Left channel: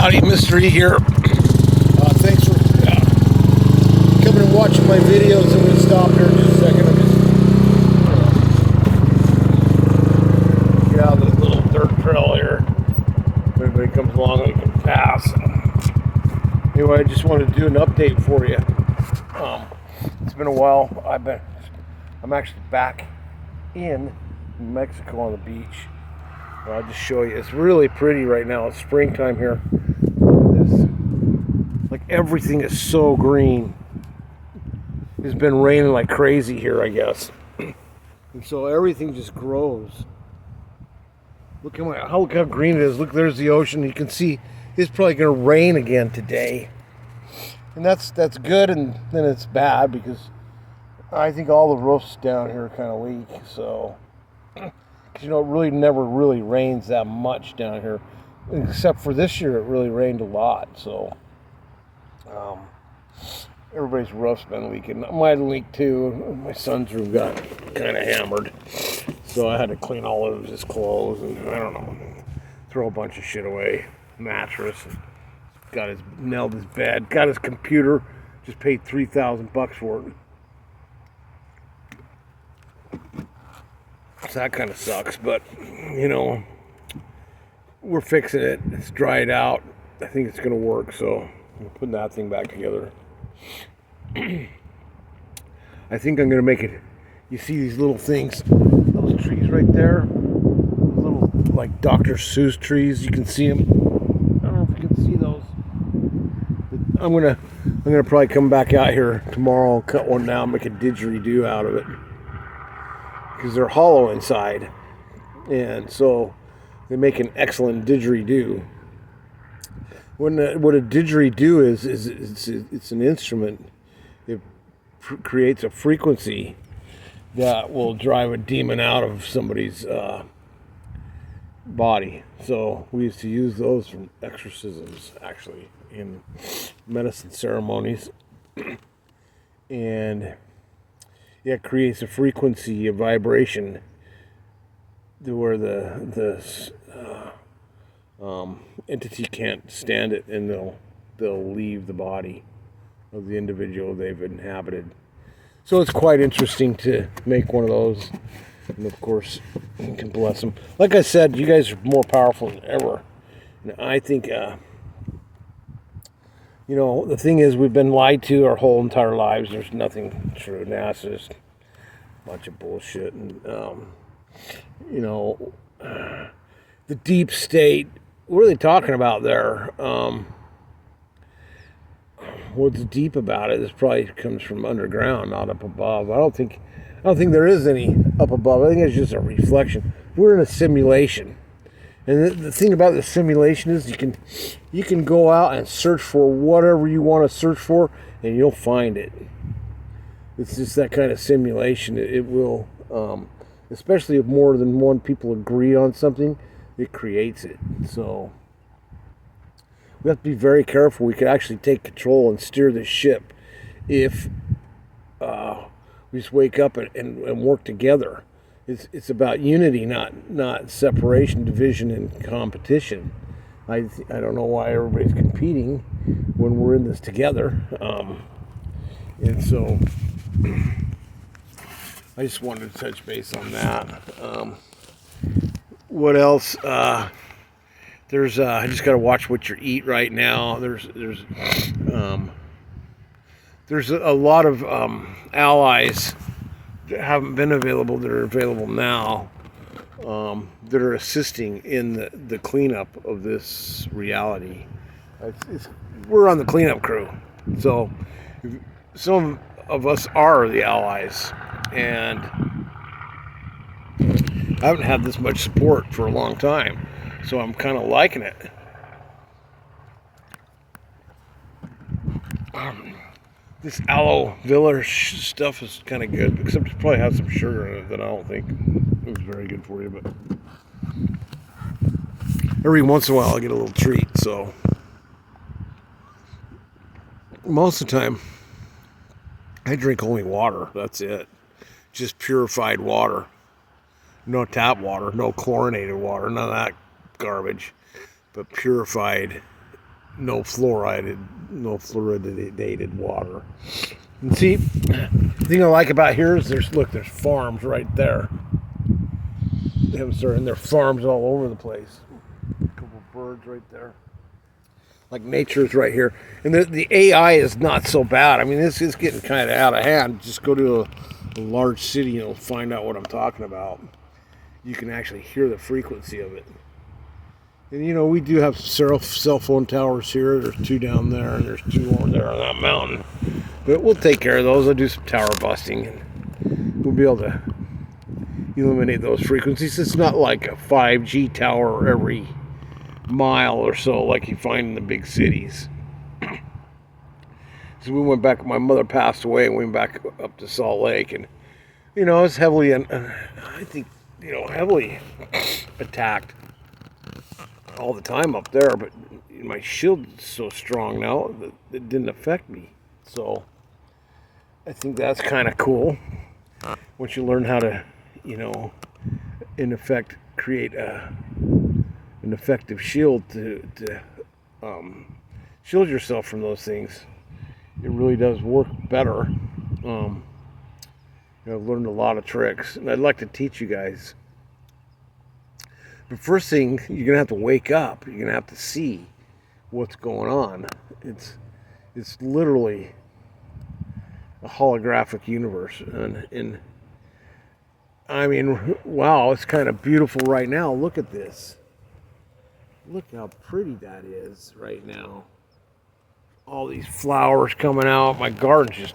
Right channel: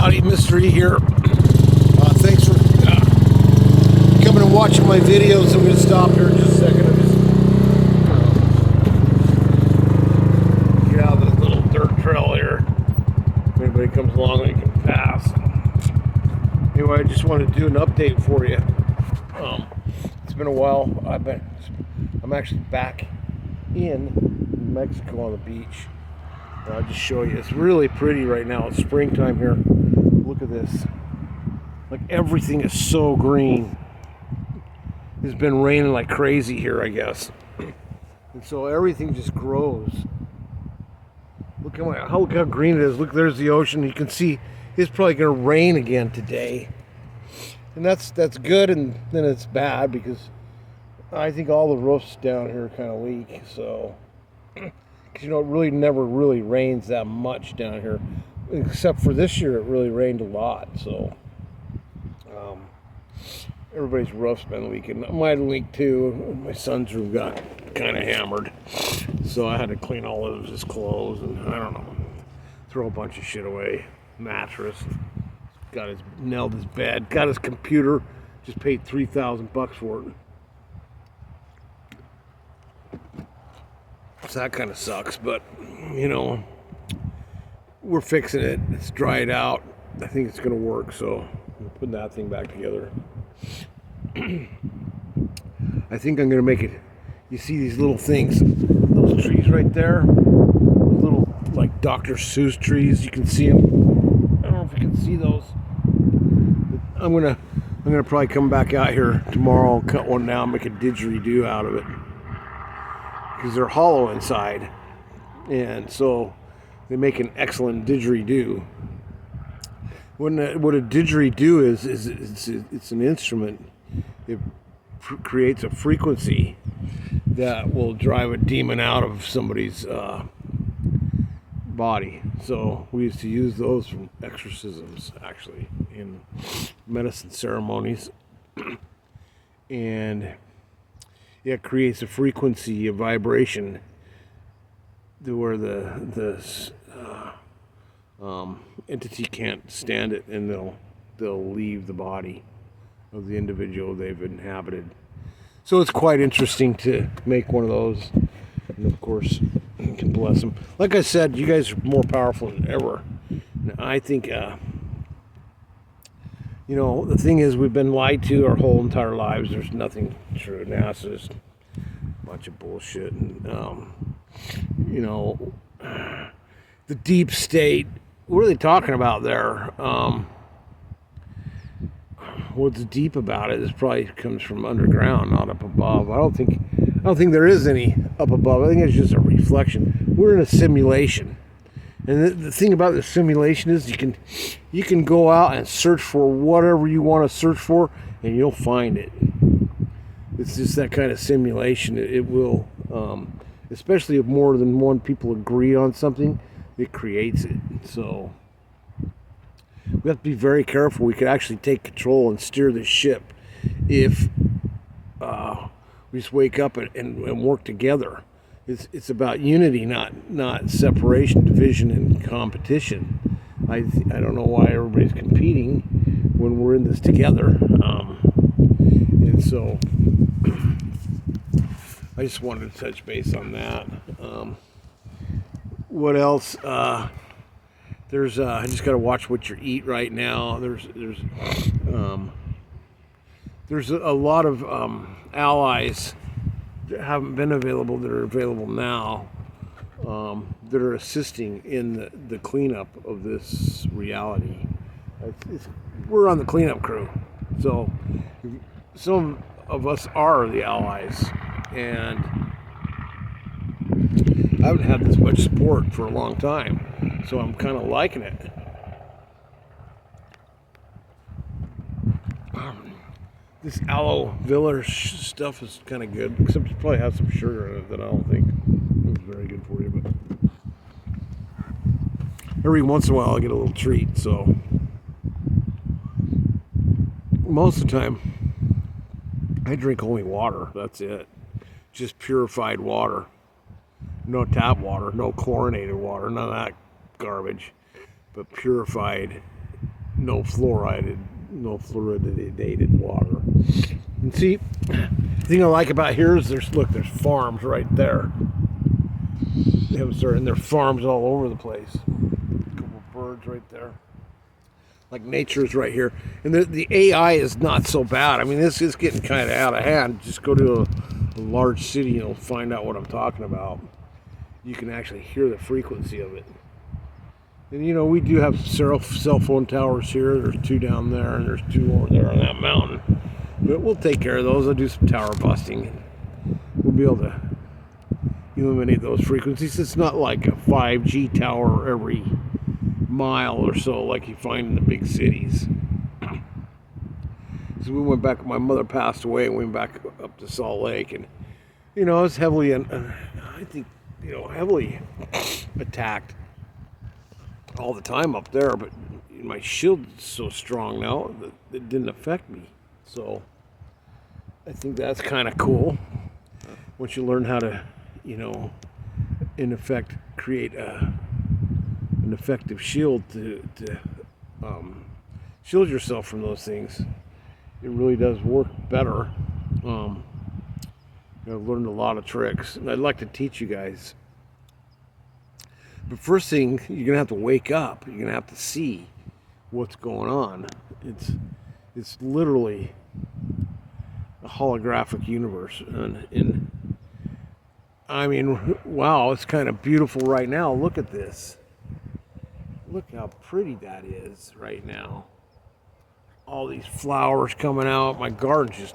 Howdy, Mystery here. Thanks for coming and watching my videos. I'm going to stop here in just a second. I'm just get out of the little dirt trail here. If anybody comes along, they can pass. Anyway, I just wanted to do an update for you. It's been a while. I'm actually back in Mexico on the beach. I'll just show you. It's really pretty right now. It's springtime here. Look at this. Like, everything is so green. It's been raining like crazy here, I guess. And so everything just grows. Look how green it is. Look, there's the ocean. You can see it's probably going to rain again today. And that's good, and then it's bad because I think all the roofs down here kind of leak. So, because it really never really rains that much down here, except for this year. It really rained a lot. So, everybody's roof's been leaking. Mine leaked too. My son's room got kind of hammered, so I had to clean all of his clothes and I don't know, throw a bunch of shit away. Mattress. Nailed his bed, got his computer, just paid $3,000 for it. So that kind of sucks, but we're fixing it. It's dried out. I think it's going to work, so I'm putting that thing back together. I think I'm going to make it. You see these little things, those trees right there, those little like Dr. Seuss trees. You can see them. I don't know if you can see those. I'm gonna probably come back out here tomorrow, cut one down, make a didgeridoo out of it, because they're hollow inside, and so they make an excellent didgeridoo. What a didgeridoo is it's an instrument. It creates a frequency that will drive a demon out of somebody's body. So we used to use those from exorcisms, actually, in medicine ceremonies. And it creates a frequency, a vibration, to where the entity can't stand it, and they'll leave the body of the individual they've inhabited. So it's quite interesting to make one of those. And of course, you can bless them. Like I said, you guys are more powerful than ever. And I think, the thing is, we've been lied to our whole entire lives. There's nothing true. NASA's a bunch of bullshit. And, the deep state, what are they talking about there? What's deep about it is probably comes from underground, not up above. I don't think there is any up above. I think it's just a reflection. We're in a simulation, and the thing about the simulation is you can go out and search for whatever you want to search for, and you'll find it. It's just that kind of simulation. It will, especially if more than one people agree on something, it creates it. So we have to be very careful. We could actually take control and steer the ship if we just wake up and work together. It's about unity, not separation, division, and competition. I don't know why everybody's competing when we're in this together. And so I just wanted to touch base on that. What else? I just got to watch what you eat right now. There's a lot of allies that haven't been available that are available now, that are assisting in the cleanup of this reality. We're on the cleanup crew, so some of us are the allies, and I haven't had this much support for a long time, so I'm kind of liking it. This aloe vera stuff is kind of good, except it probably has some sugar in it that I don't think is very good for you, but every once in a while I get a little treat. So most of the time I drink only water. That's it. Just purified water. No tap water, no chlorinated water, none of that garbage, but purified no fluoridated water. And see, the thing I like about here is there's farms right there. And there are farms all over the place. A couple of birds right there. Like nature's right here. And the AI is not so bad. I mean, this is getting kind of out of hand. Just go to a large city and you'll find out what I'm talking about. You can actually hear the frequency of it. And you know, we do have several cell phone towers here. There's 2 down there, and there's 2 over there on that mountain. But we'll take care of those. I'll do some tower busting, and we'll be able to eliminate those frequencies. It's not like a 5G tower every mile or so like you find in the big cities. So we went back, my mother passed away, and we went back up to Salt Lake, and you know, it's heavily, I think, you know, heavily attacked all the time up there, but my shield is so strong now that it didn't affect me. So I think that's kind of cool once you learn how to, you know, in effect create an effective shield to shield yourself from those things. It really does work better. I've learned a lot of tricks, and I'd like to teach you guys. But first thing, you're gonna have to wake up. You're gonna have to see what's going on. It's literally a holographic universe, and I mean, wow, it's kind of beautiful right now. Look at this. Look how pretty that is right now. All these flowers coming out. My garden's just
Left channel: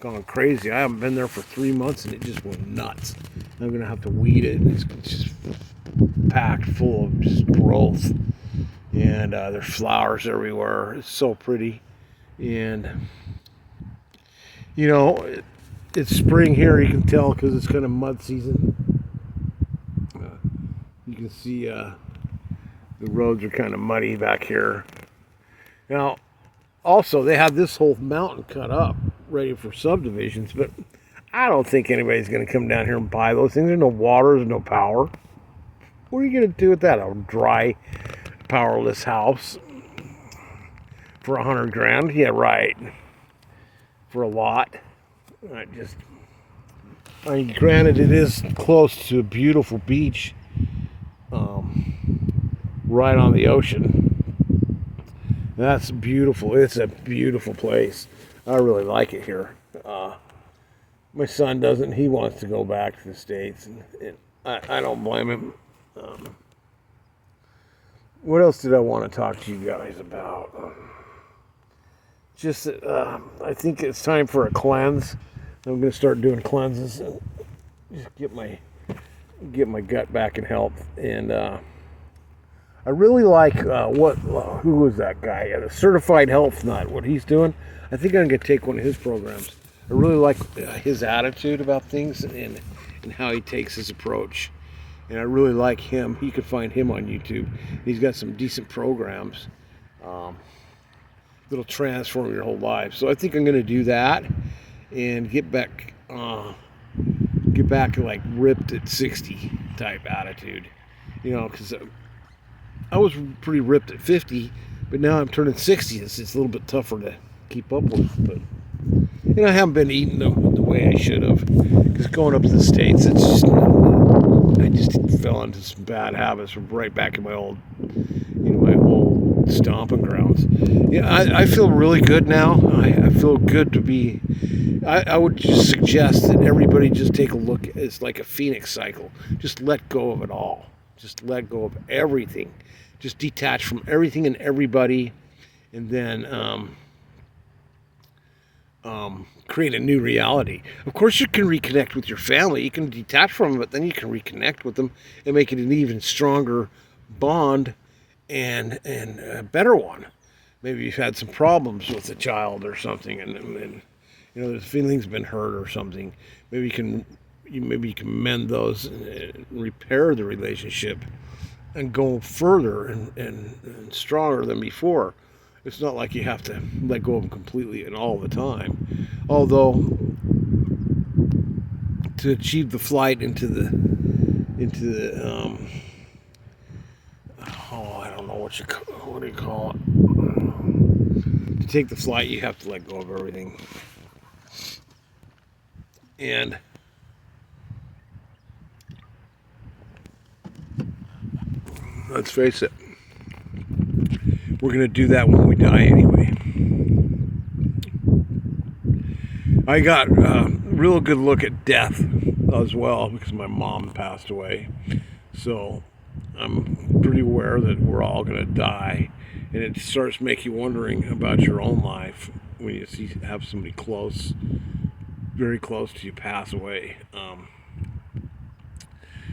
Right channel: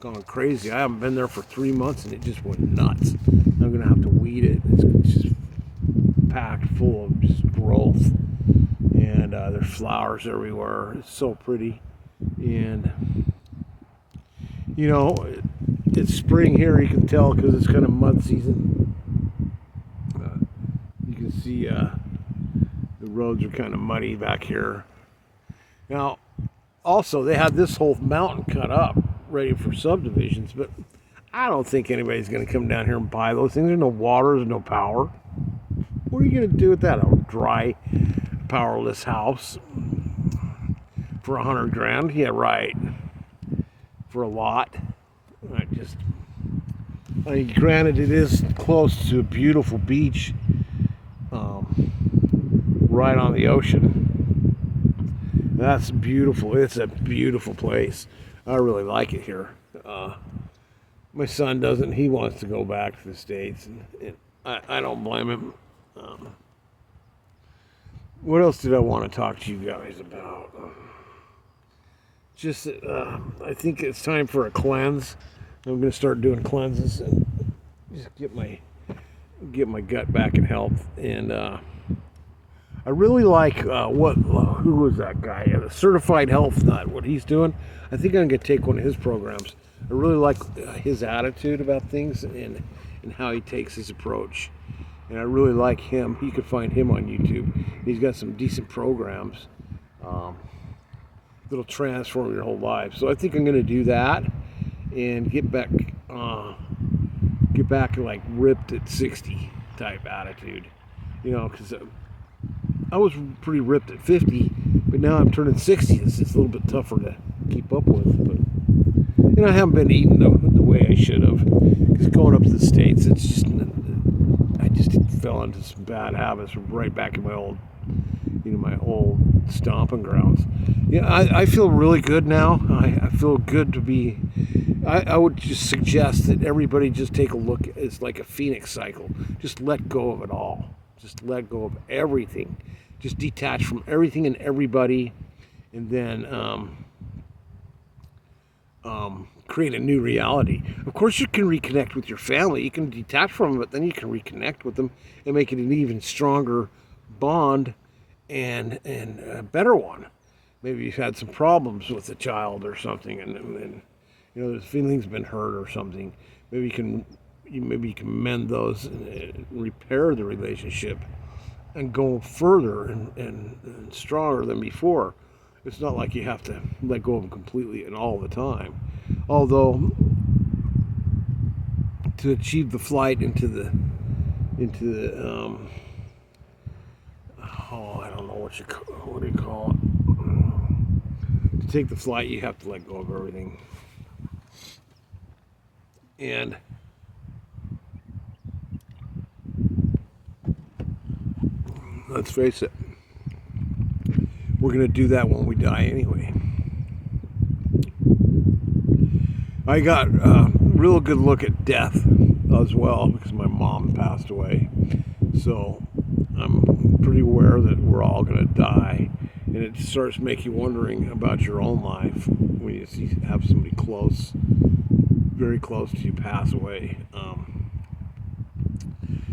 gone crazy. I haven't been there for 3 months, and it just went nuts. I'm gonna have to weed it. It's just packed full of just growth, and there's flowers everywhere. It's so pretty, and you know, it's spring here. You can tell because it's kind of mud season. You can see the roads are kind of muddy back here. Now, also they have this whole mountain cut up, ready for subdivisions, but I don't think anybody's going to come down here and buy those things. There's no water, there's no power. What are you going to do with that? A dry, powerless house for $100,000? Yeah, right. For a lot. I mean, granted, it is close to a beautiful beach, right on the ocean. That's beautiful. It's a beautiful place. I really like it here. My son doesn't. He wants to go back to the States, and I don't blame him. What else did I want to talk to you guys about? I think it's time for a cleanse. I'm going to start doing cleanses and just get my gut back in health. And I really like who was that guy? The Certified Health Nut. What he's doing. I think I'm going to take one of his programs. I really like his attitude about things and how he takes his approach. And I really like him. You can find him on YouTube. He's got some decent programs that'll transform your whole life. So I think I'm going to do that and get back like ripped at 60 type attitude. You know, because I was pretty ripped at 50, but now I'm turning 60. It's a little bit tougher to keep up with. But you know, I haven't been eating the way I should have. Because going up to the States, I just fell into some bad habits right back in my old stomping grounds. Yeah, I feel really good now. I feel good to be. I would just suggest that everybody just take a look. It's like a phoenix cycle. Just let go of it all. Just let go of everything. Just detach from everything and everybody, and then create a new reality. Of course, you can reconnect with your family. You can detach from them, but then you can reconnect with them and make it an even stronger bond and a better one. Maybe you've had some problems with a child or something, and you know, the feeling's been hurt or something. Maybe you can mend those and repair the relationship and go further and stronger than before. It's not like you have to let go of them completely and all the time. Although, to achieve the flight into the I don't know what do you call it? To take the flight, you have to let go of everything. And let's face it, we're going to do that when we die anyway. I got a real good look at death as well because my mom passed away. So I'm pretty aware that we're all going to die. And it starts making you wondering about your own life when you have somebody close, very close to you pass away.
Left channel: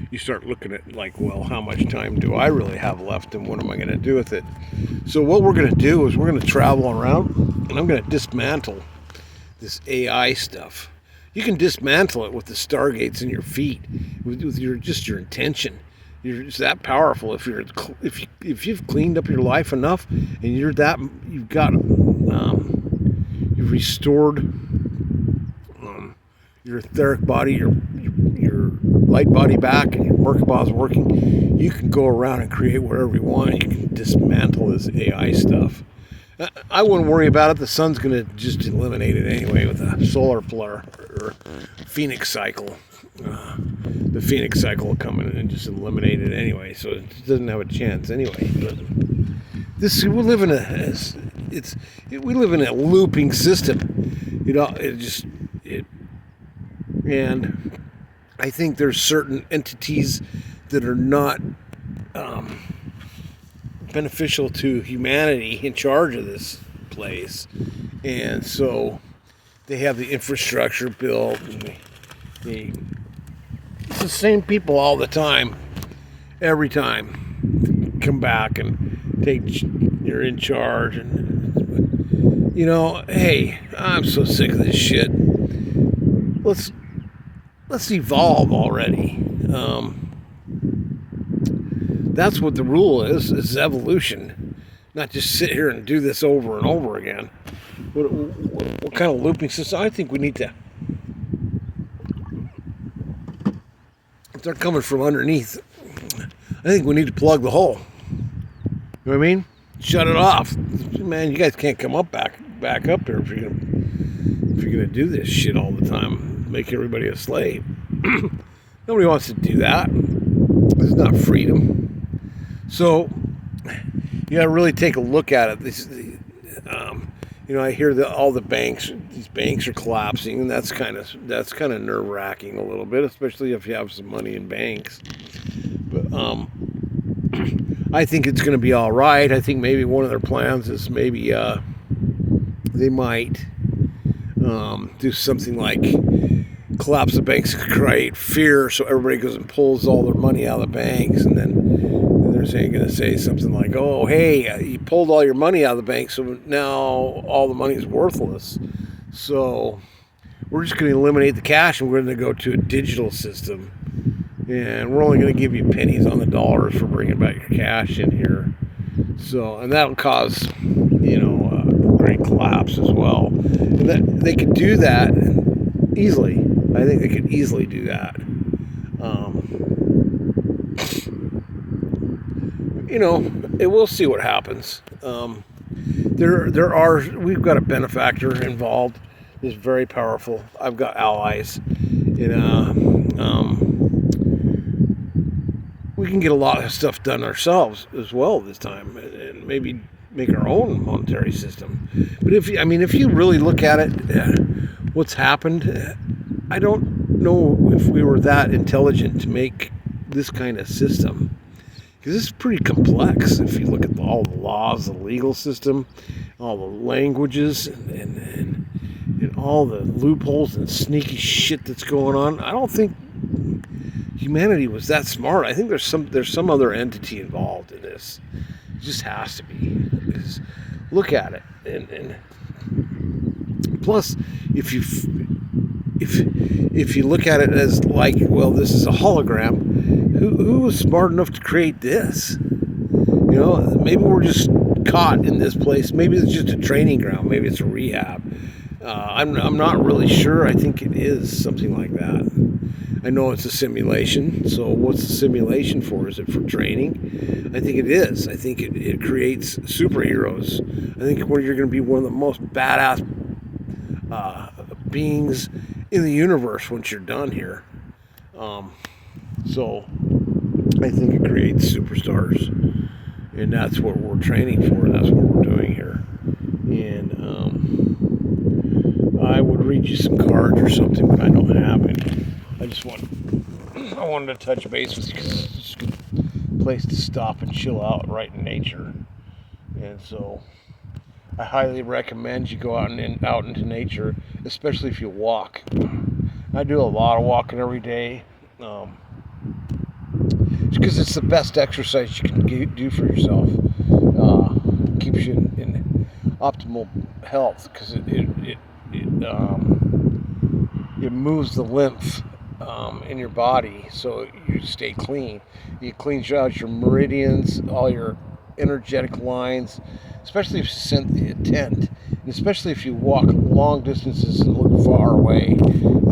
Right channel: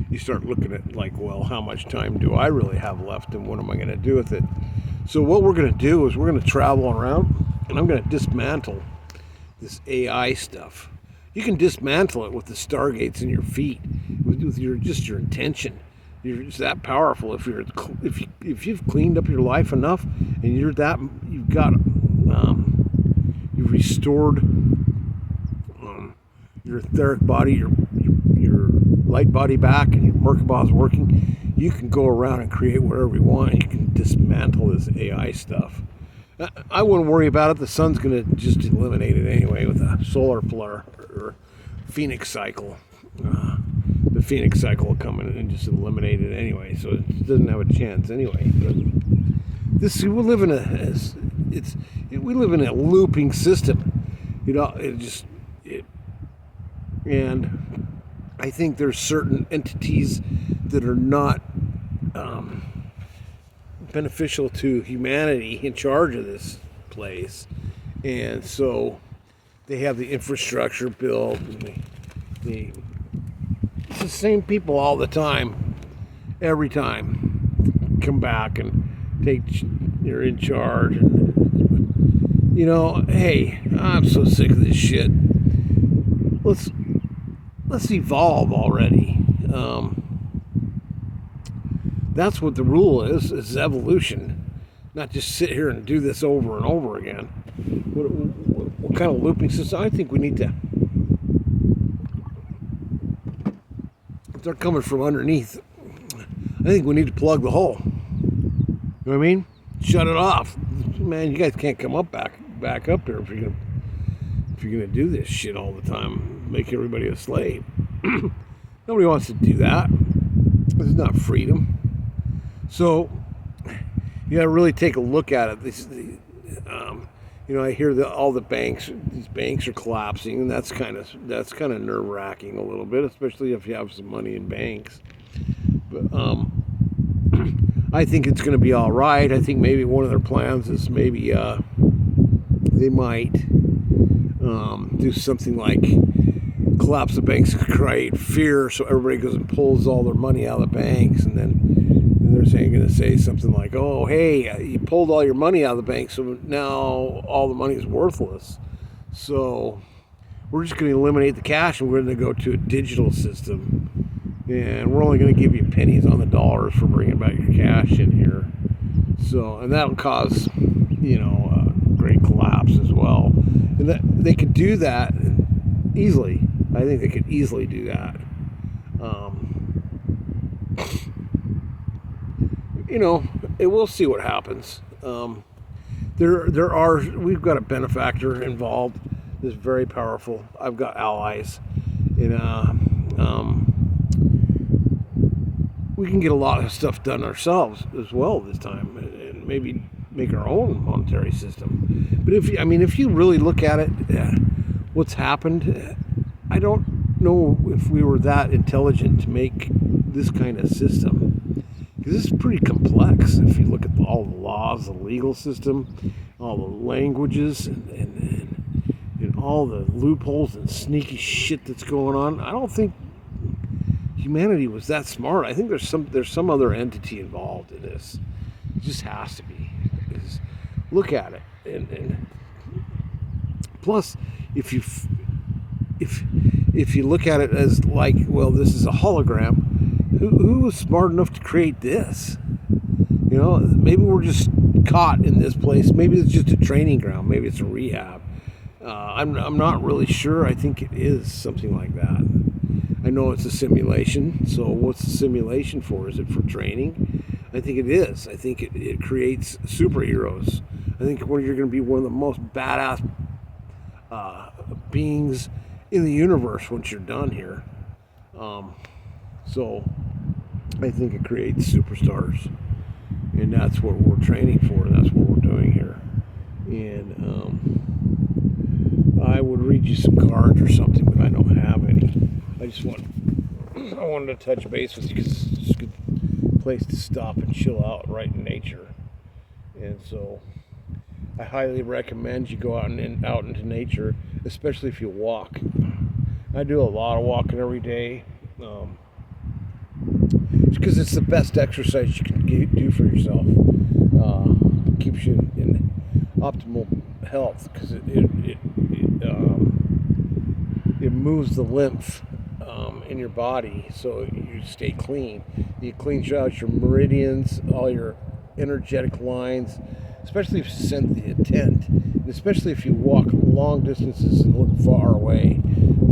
You start looking at like, well, how much time do I really have left and what am I going to do with it? So what we're going to do is we're going to travel around and I'm going to dismantle this AI stuff. You can dismantle it with the stargates in your feet, with your intention. It's that powerful. If you've cleaned up your life enough, and you've restored your etheric body, your light body back, and your Merkaba is working, you can go around and create whatever you want. You can dismantle this AI stuff. I wouldn't worry about it. The sun's going to just eliminate it anyway with a solar flare or Phoenix cycle. The Phoenix cycle will come in and just eliminate it anyway, so it doesn't have a chance anyway. But we live in a looping system, and I think there's certain entities that are not beneficial to humanity in charge of this place, and so they have the infrastructure built, and it's the same people all the time, every time come back and you're in charge, and hey, I'm so sick of this shit. Let's evolve already. That's what the rule is evolution, not just sit here and do this over and over again. What kind of looping system? I think we need to start coming from underneath. I think we need to plug the hole. You know what I mean? Shut it off. Man, you guys can't come up back up here if you're gonna do this shit all the time, make everybody a slave. Nobody wants to do that. This is not freedom. So you got to really take a look at it. I hear all these banks are collapsing, and that's kind of nerve-wracking a little bit, especially if you have some money in banks. But I think it's going to be all right. I think maybe one of their plans is maybe they might do something like collapse the banks, create fear, so everybody goes and pulls all their money out of the banks, and then they're going to say something like, "Oh, hey, you pulled all your money out of the bank, so now all the money is worthless. So we're just going to eliminate the cash, and we're going to go to a digital system, and we're only going to give you pennies on the dollars for bringing back your cash in here." So, and that'll cause, a great collapse as well. And that they could do that easily. I think they could easily do that. We'll see what happens. We've got a benefactor involved that's very powerful. I've got allies. We can get a lot of stuff done ourselves as well this time, and maybe make our own monetary system. But if you really look at it, what's happened, I don't know if we were that intelligent to make this kind of system, because it's pretty complex. If you look at all the laws, the legal system, all the languages, and all the loopholes and sneaky shit that's going on, I don't think humanity was that smart. I think there's some other entity involved in this. It just has to be. Because look at it, and plus, if you look at it as like, well, this is a hologram, who was smart enough to create this? Maybe we're just caught in this place. Maybe it's just a training ground. Maybe it's a rehab. I'm not really sure. I think it is something like that. I know it's a simulation. So what's the simulation for? Is it for training? I think it is. I think it creates superheroes. I think you're going to be one of the most badass beings in the universe once you're done here. So I think it creates superstars, and that's what we're training for. And that's what we're doing here. And I would read you some cards or something, but I don't have any. I wanted to touch base with you because it's just a good place to stop and chill out right in nature. And so I highly recommend you go out into nature, especially if you walk. I do a lot of walking every day. Because it's the best exercise you can do for yourself. Keeps you in optimal health because it moves the lymph in your body, so you stay clean. It cleans out your meridians, all your energetic lines, especially if you send the intent, and especially if you walk long distances and look far away.